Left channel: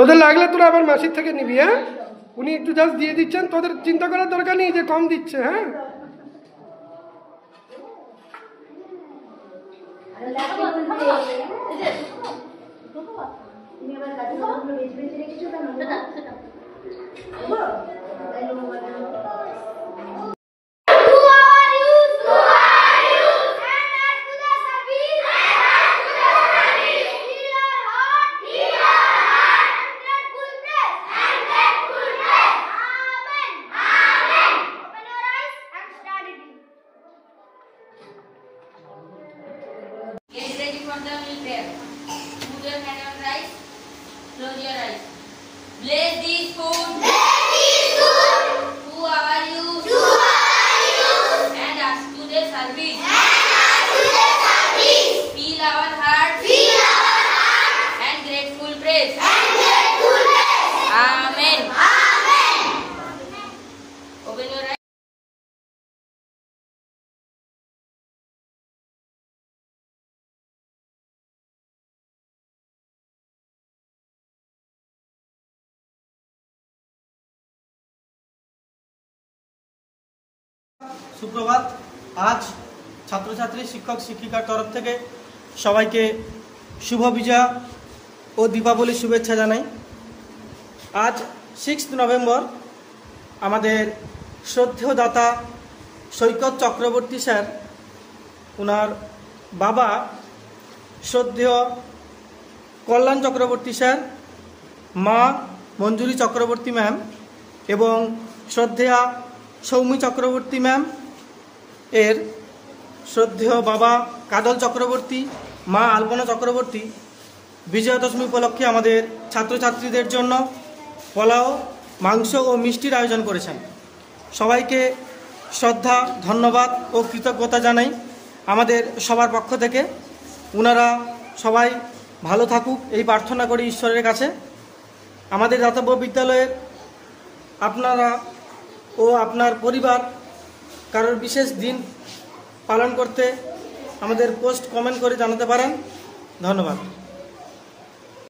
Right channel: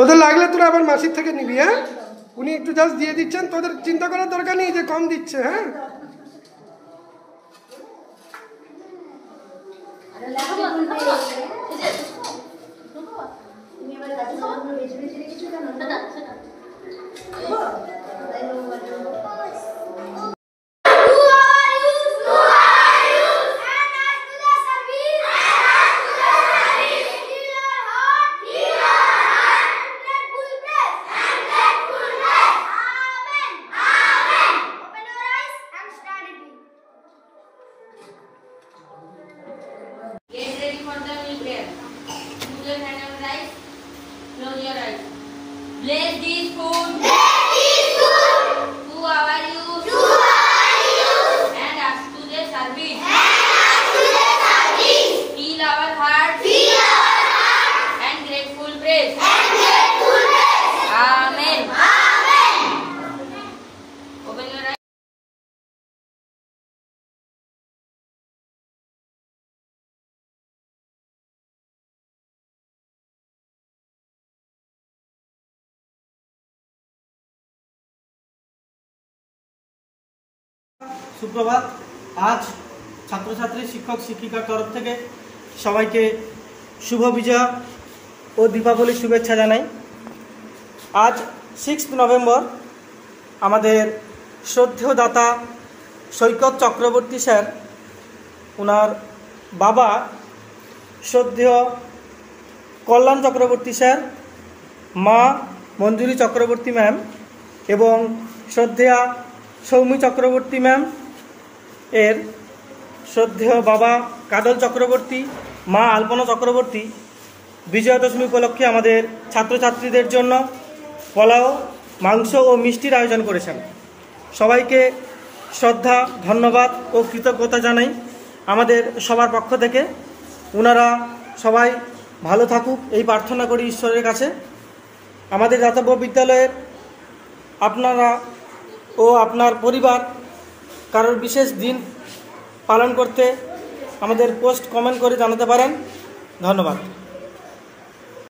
তোদের লাগলে তোরা আবার মাসির থেকে নিবি। হ্যাঁ, উনি একটু জাস্ট দিয়ে দিচ্ছেন, তোদের চিন্তা করার দরকার নেই যে কম দিচ্ছে। হ্যাঁ, Close your eyes. Bless this food. Who are you? And us to the service. Feel our heart. And grateful praise. Amen. Open your eyes. সুপ্রভাত। আজ ছাত্রছাত্রী শিক্ষক শিক্ষিকার তরফ থেকে সবাইকে শুভ বিজয়া ও দীপাবলির শুভেচ্ছা জানাই। আজ 6 নভেম্বর আমাদের শ্রদ্ধেয় দাতা সৈকত চক্রবর্তী স্যার, ওনার বাবা শ্রদ্ধেয় কল্যাণ চক্রবর্তী স্যার, মা মঞ্জুরি চক্রবর্তী ম্যাম এবং শ্রদ্ধেয়া সৌমি চক্রবর্তী ম্যাম এর শ্রদ্ধেয় বাবা কাজল চক্রবর্তী, মা আলপনা চক্রবর্তী বিজয়া দশমী উপলক্ষে আমাদের ছাত্রছাত্রীদের জন্য পোলাও, মাংস ও মিষ্টির আয়োজন করেছেন। সবাইকে শ্রদ্ধা, ধন্যবাদ ও কৃতজ্ঞতা জানাই আমাদের সবার পক্ষ থেকে। ওনারা সবাই ভালো থাকুক এই প্রার্থনা করি ঈশ্বরের কাছে। আমাদের দাতব্য বিদ্যালয়ের আপনারা ও আপনার পরিবার কারোর বিশেষ দিন পালন করতে আমাদের পোস্ট কমেন্ট করে জানাতে পারেন। ধন্যবাদ।